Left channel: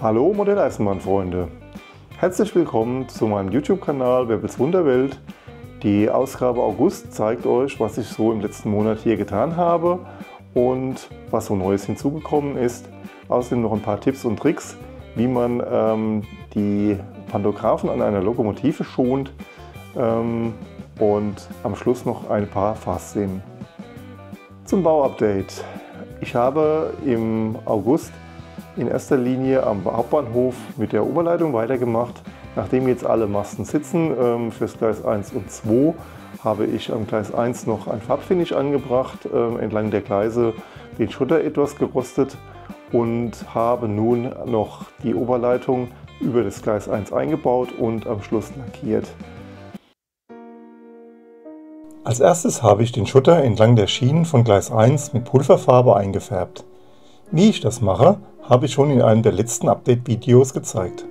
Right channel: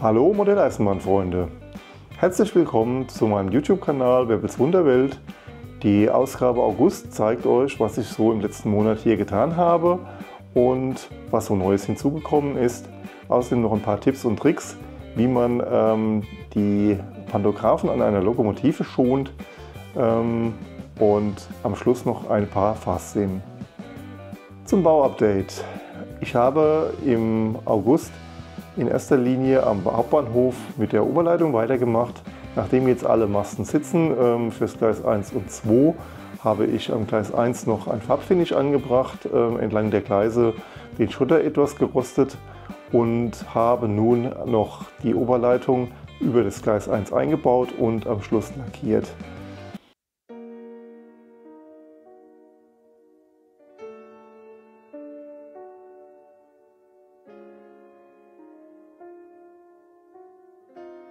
Hallo Modelleisenbahn-Freunde! Herzlich willkommen zu meinem YouTube-Kanal Weppels Wunderwelt. Die Ausgabe August zeigt euch, was ich so im letzten Monat hier getan habe und was so Neues hinzugekommen ist. Außerdem noch ein paar Tipps und Tricks, wie man die Pantographen an einer Lokomotive schont und am Schluss noch ein paar Fahrszenen. Zum Bauupdate. Ich habe im August in erster Linie am Hauptbahnhof mit der Oberleitung weitergemacht. Nachdem jetzt alle Masten sitzen fürs Gleis 1 und 2, habe ich am Gleis 1 noch ein Farbfinish angebracht, entlang der Gleise den Schotter etwas gerostet und habe nun noch die Oberleitung über das Gleis 1 eingebaut und am Schluss lackiert. Als erstes habe ich den Schotter entlang der Schienen von Gleis 1 mit Pulverfarbe eingefärbt. Wie ich das mache, habe ich schon in einem der letzten Update-Videos gezeigt.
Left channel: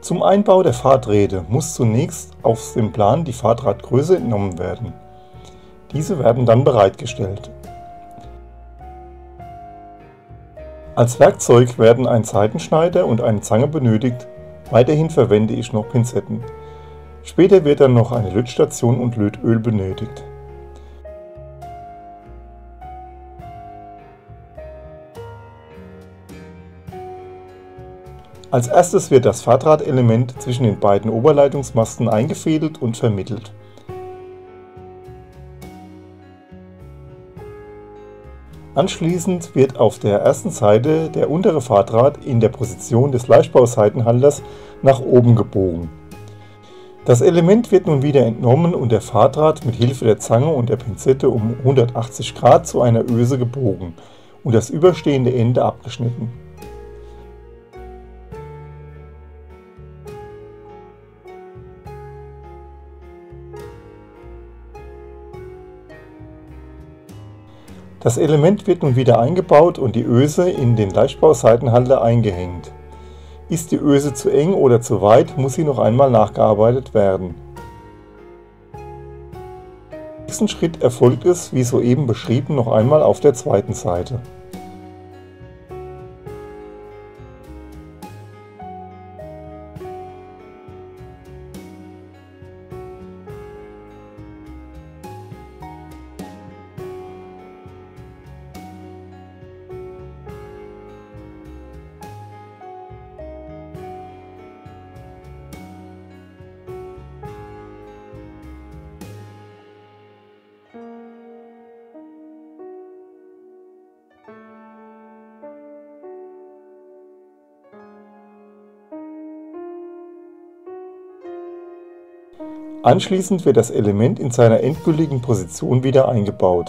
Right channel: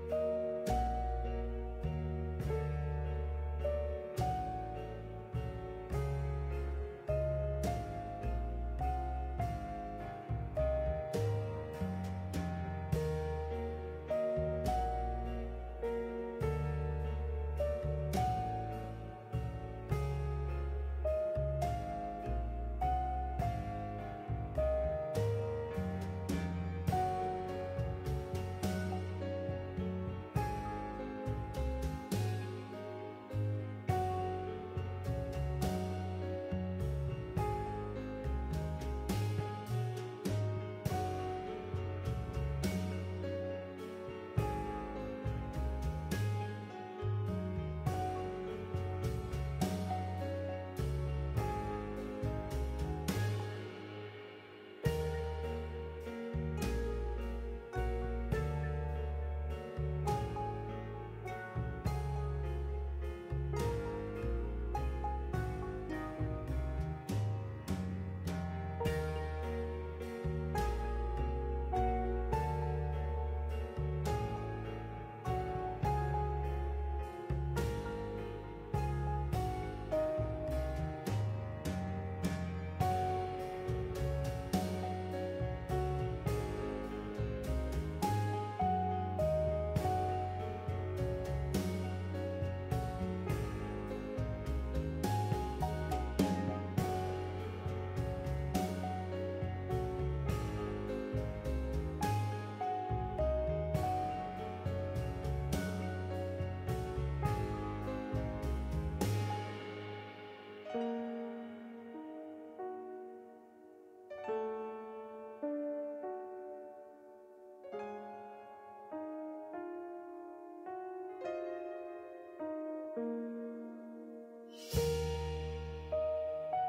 Zum Einbau der Fahrträder muss zunächst aus dem Plan die Fahrtradgröße entnommen werden. Diese werden dann bereitgestellt. Als Werkzeug werden ein Seitenschneider und eine Zange benötigt. Weiterhin verwende ich noch Pinzetten. Später wird dann noch eine Lötstation und Lötöl benötigt. Als erstes wird das Fahrdrahtelement zwischen den beiden Oberleitungsmasten eingefädelt und vermittelt. Anschließend wird auf der ersten Seite der untere Fahrdraht in der Position des Leichtbauseitenhalters nach oben gebogen. Das Element wird nun wieder entnommen und der Fahrdraht mit Hilfe der Zange und der Pinzette um 180 Grad zu einer Öse gebogen und das überstehende Ende abgeschnitten. Das Element wird nun wieder eingebaut und die Öse in den Leichtbauseitenhalter eingehängt. Ist die Öse zu eng oder zu weit, muss sie noch einmal nachgearbeitet werden. Im nächsten Schritt erfolgt es, wie soeben beschrieben, noch einmal auf der zweiten Seite. Anschließend wird das Element in seiner endgültigen Position wieder eingebaut.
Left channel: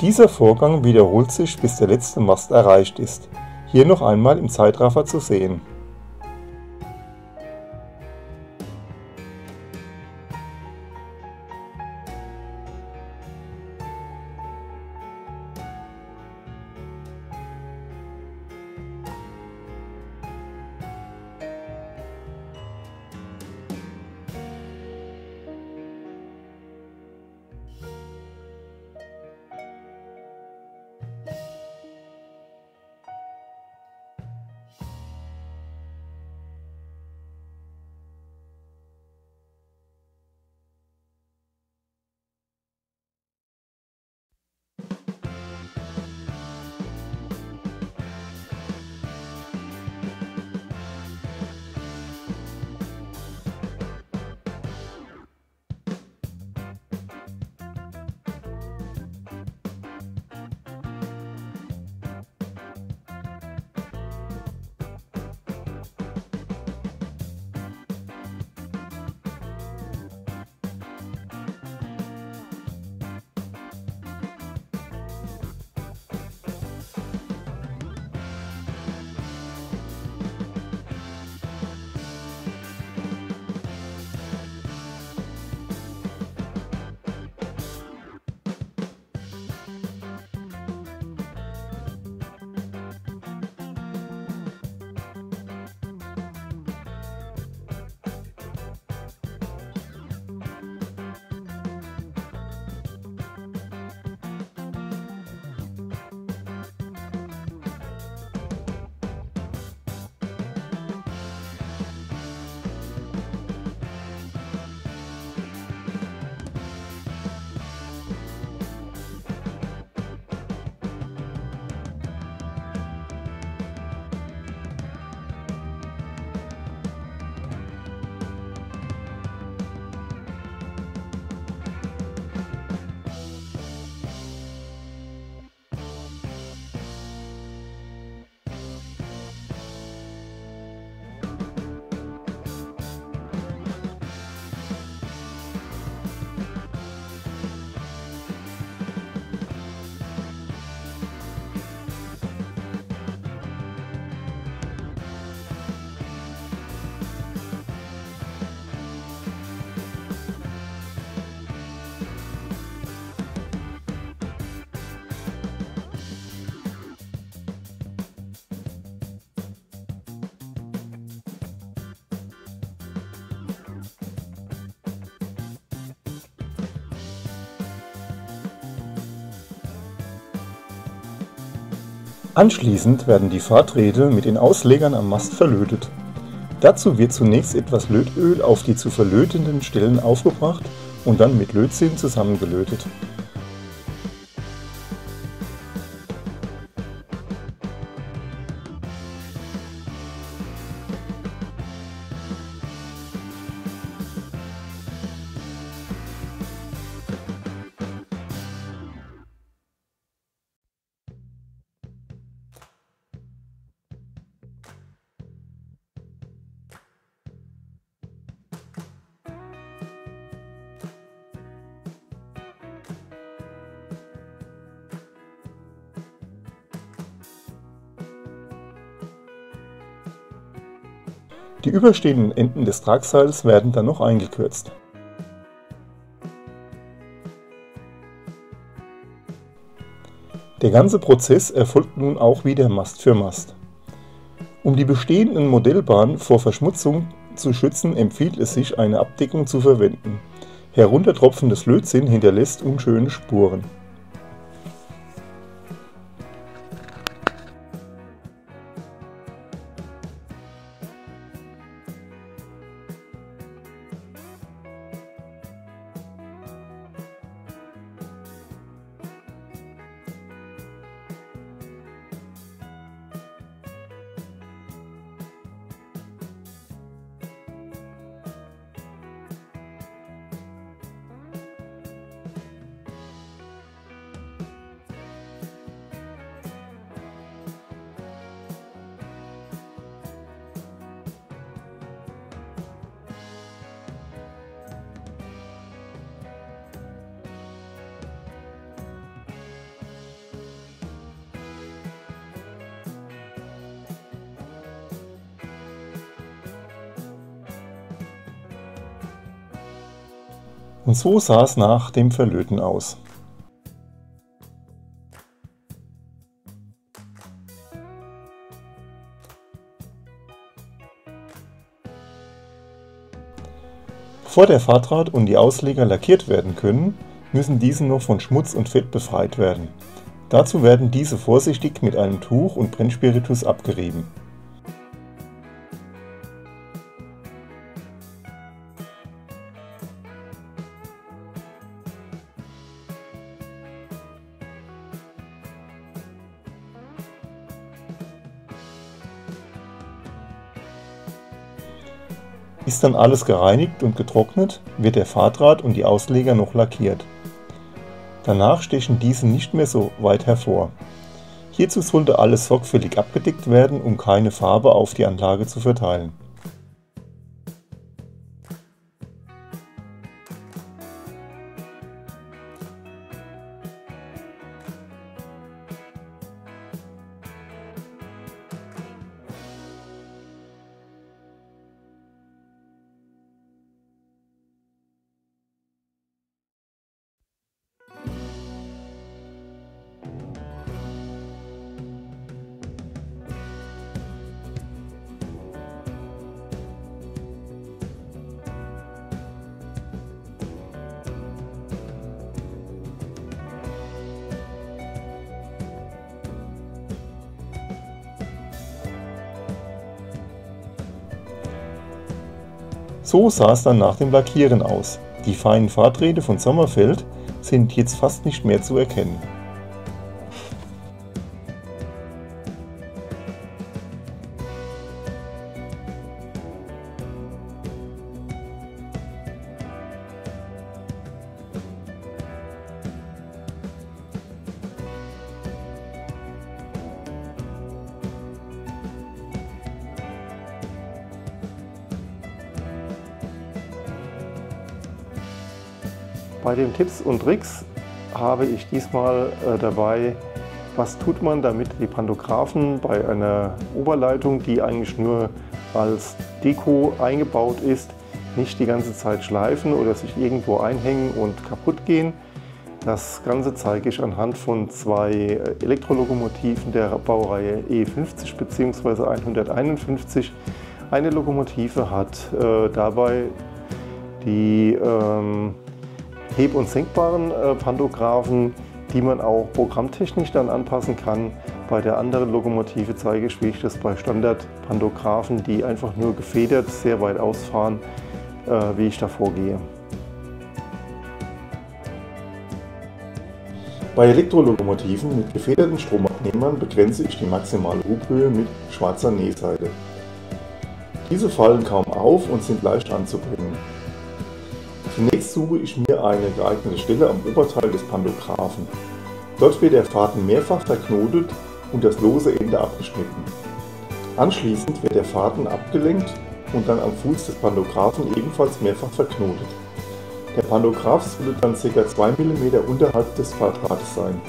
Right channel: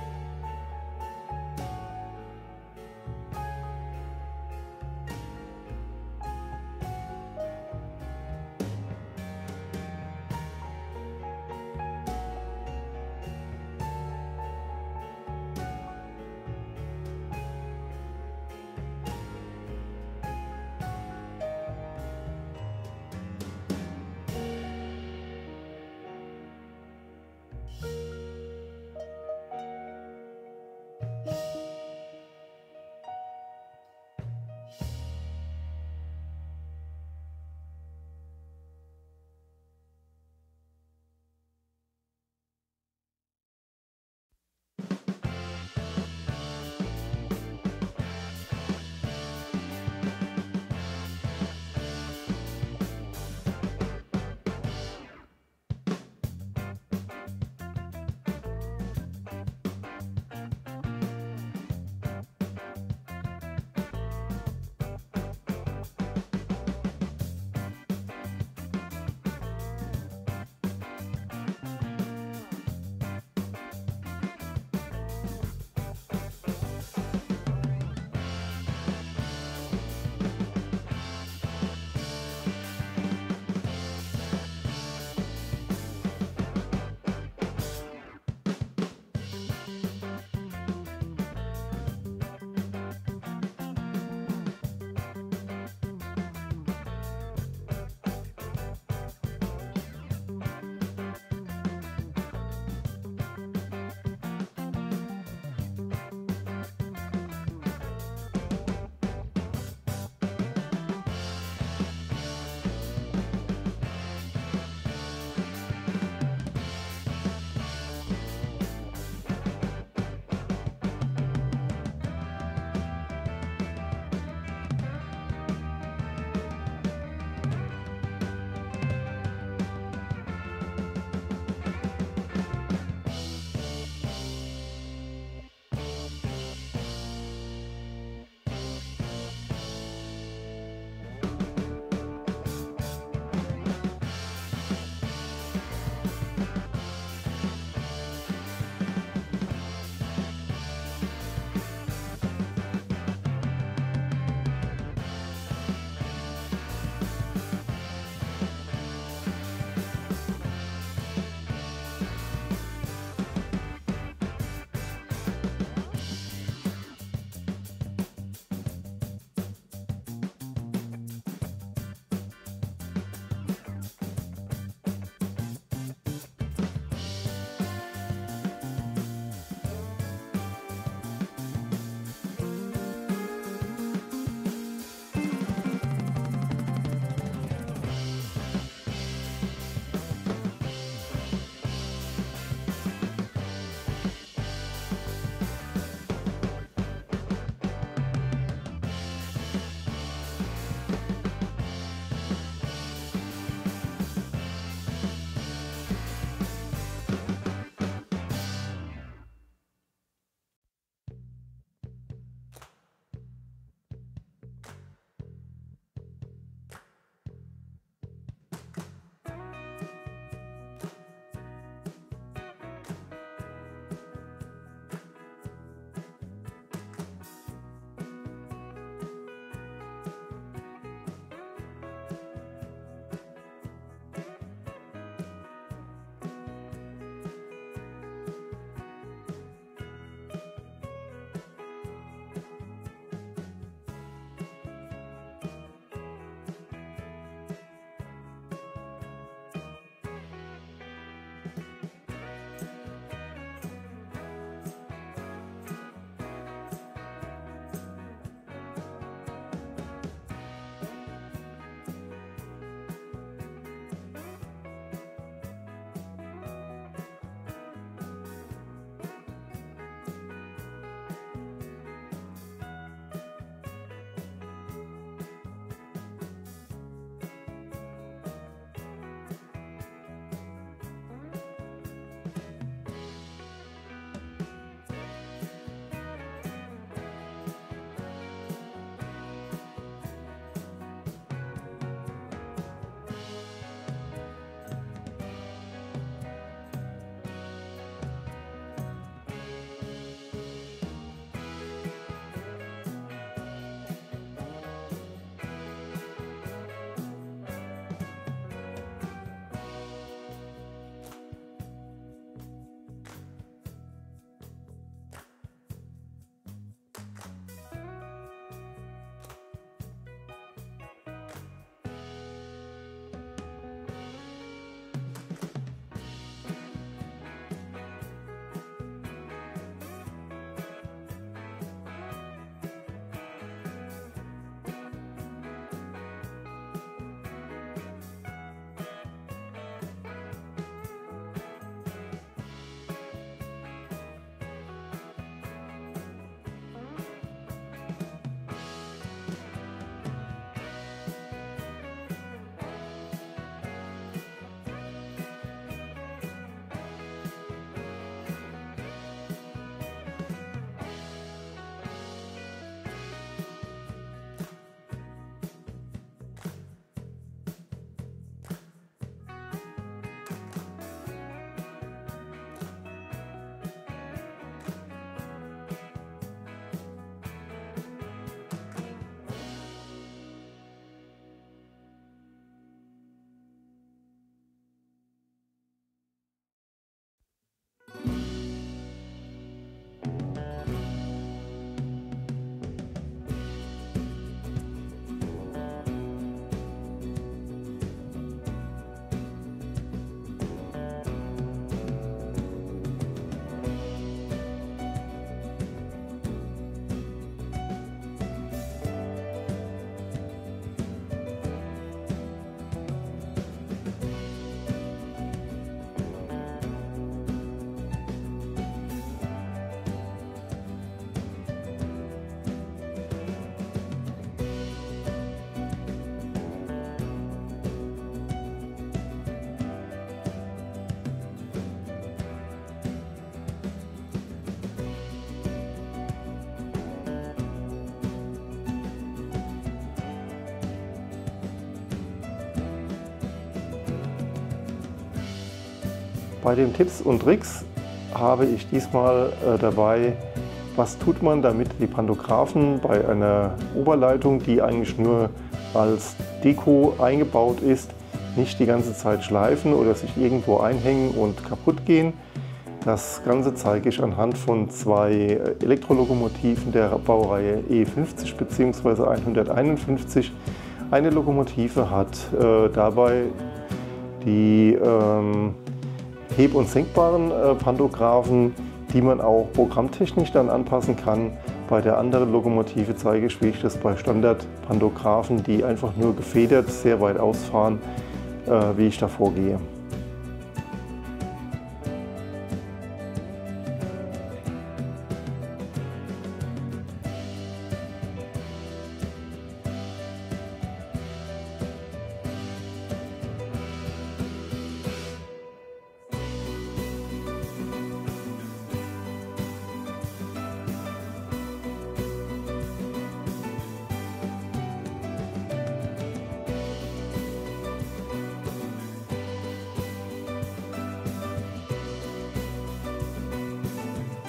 Dieser Vorgang wiederholt sich, bis der letzte Mast erreicht ist. Hier noch einmal im Zeitraffer zu sehen. Anschließend werden die Fahrträder mit den Auslegern am Mast verlötet. Dazu wird zunächst etwas Lötöl auf die zu verlötenden Stellen aufgebracht und dann mit Lötzinn zusammengelötet. Die überstehenden Enden des Tragseils werden dann noch eingekürzt. Der ganze Prozess erfolgt nun auch wieder Mast für Mast. Um die bestehenden Modellbahnen vor Verschmutzung zu schützen, empfiehlt es sich, eine Abdeckung zu verwenden. Heruntertropfendes Lötzinn hinterlässt unschöne Spuren. Und so sah es nach dem Verlöten aus. Bevor der Fahrdraht und die Ausleger lackiert werden können, müssen diese noch von Schmutz und Fett befreit werden. Dazu werden diese vorsichtig mit einem Tuch und Brennspiritus abgerieben. Ist dann alles gereinigt und getrocknet, wird der Fahrdraht und die Ausleger noch lackiert. Danach stechen diese nicht mehr so weit hervor. Hierzu sollte alles sorgfältig abgedeckt werden, um keine Farbe auf die Anlage zu verteilen. So sah es dann nach dem Lackieren aus. Die feinen Fahrträder von Sommerfeld sind jetzt fast nicht mehr zu erkennen. Bei den Tipps und Tricks habe ich diesmal dabei, was tut man, damit die Pantographen bei einer Oberleitung, die eigentlich nur als Deko eingebaut ist, nicht die ganze Zeit schleifen oder sich irgendwo einhängen und kaputt gehen. Das Ganze zeige ich anhand von zwei Elektrolokomotiven der Baureihe E50 bzw. 151. Eine Lokomotive hat dabei die heb- und senkbaren Pantographen, die man auch programmtechnisch dann anpassen kann. Bei der anderen Lokomotive zeige ich, wie ich das bei Standard-Pantographen, die einfach nur gefedert sehr weit ausfahren, wie ich da vorgehe. Bei Elektrolokomotiven mit gefederten Stromabnehmern begrenze ich die maximale Huphöhe mit schwarzer Nähseite. Diese fallen kaum auf und sind leicht anzubringen. Zunächst suche ich mir eine geeignete Stelle am Oberteil des Pantographen. Dort wird der Faden mehrfach verknotet und das lose Ende abgeschnitten. Anschließend wird der Faden abgelenkt und dann am Fuß des Pantographen ebenfalls mehrfach verknotet. Der Pantograph sollte dann ca. 2 mm unterhalb des Quadrats sein.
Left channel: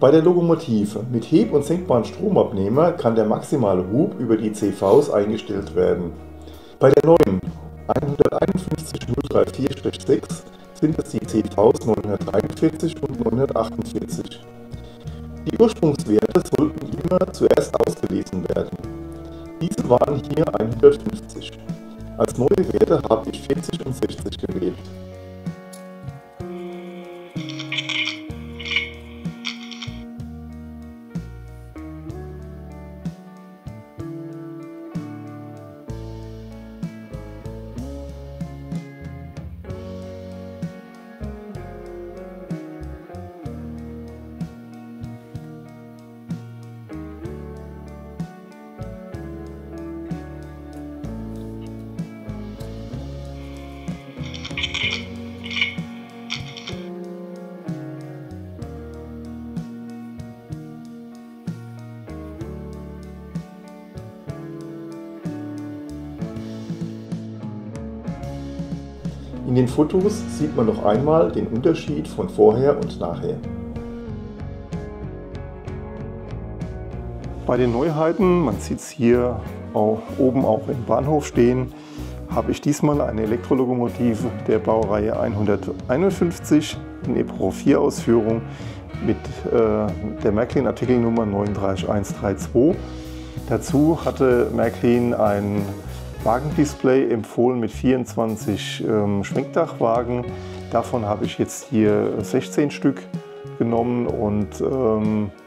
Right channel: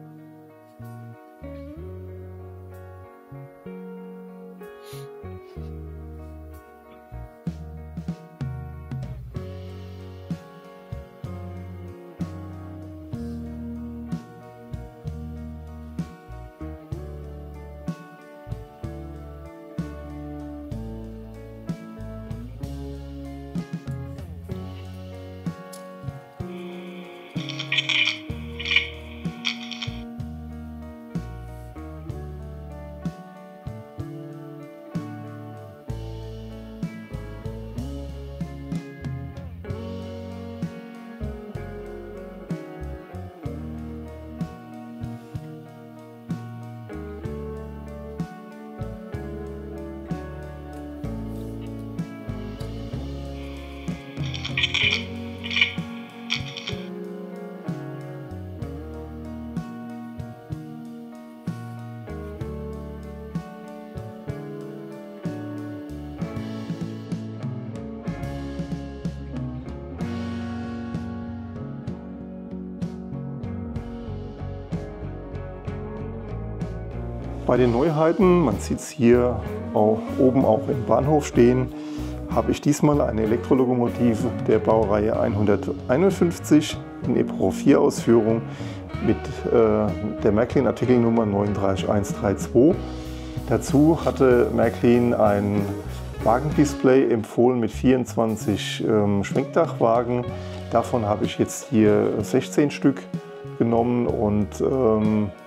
Bei der Lokomotive mit heb- und senkbaren Stromabnehmer kann der maximale Hub über die CVs eingestellt werden. Bei der neuen 151034-6 sind es die CVs 943 und 948. Die Ursprungswerte sollten immer zuerst ausgelesen werden. Diese waren hier 150. Als neue Werte habe ich 40 und 60 gewählt. In den Fotos sieht man noch einmal den Unterschied von vorher und nachher. Bei den Neuheiten, man sieht es hier oben auch im Bahnhof stehen, habe ich diesmal eine Elektrolokomotive der Baureihe 151 in EPRO 4 Ausführung mit der Märklin Artikelnummer 39132. Dazu hatte Märklin ein Wagendisplay empfohlen mit 24 Schwenkdachwagen. Davon habe ich jetzt hier 16 Stück genommen und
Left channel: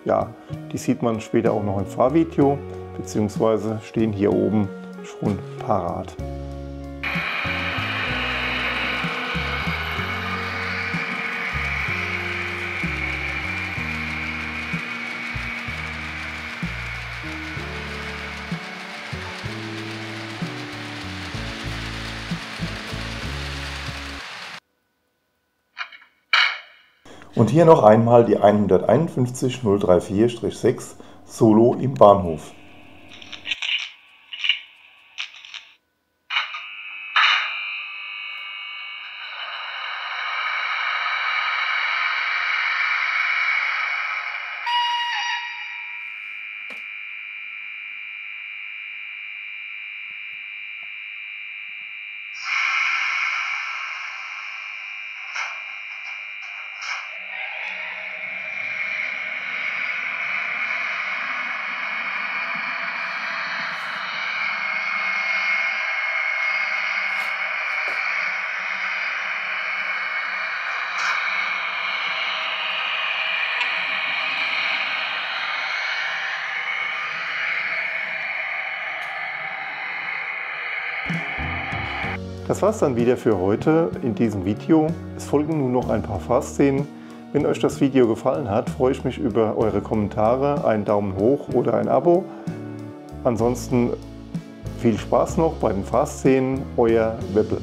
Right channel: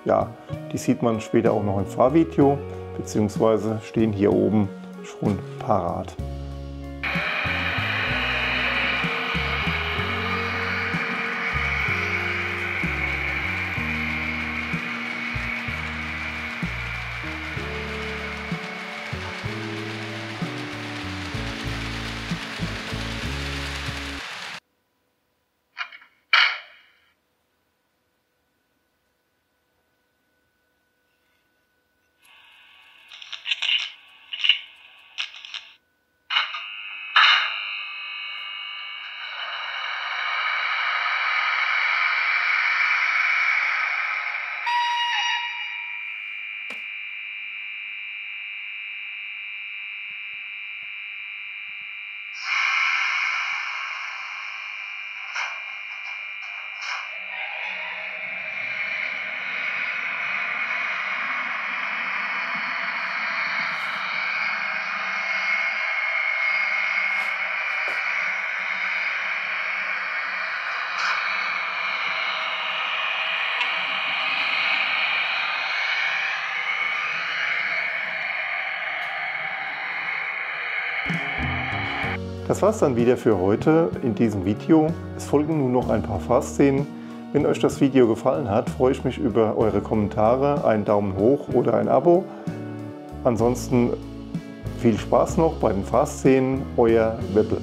ja, die sieht man später auch noch im Fahrvideo, beziehungsweise stehen hier oben schon parat. Und hier noch einmal die 151034-6 Solo im Bahnhof. Das war's dann wieder für heute in diesem Video. Es folgen nun noch ein paar Fahrszenen. Wenn euch das Video gefallen hat, freue ich mich über eure Kommentare, einen Daumen hoch oder ein Abo. Ansonsten Viel Spaß noch bei den Fahrszenen, euer Weppel.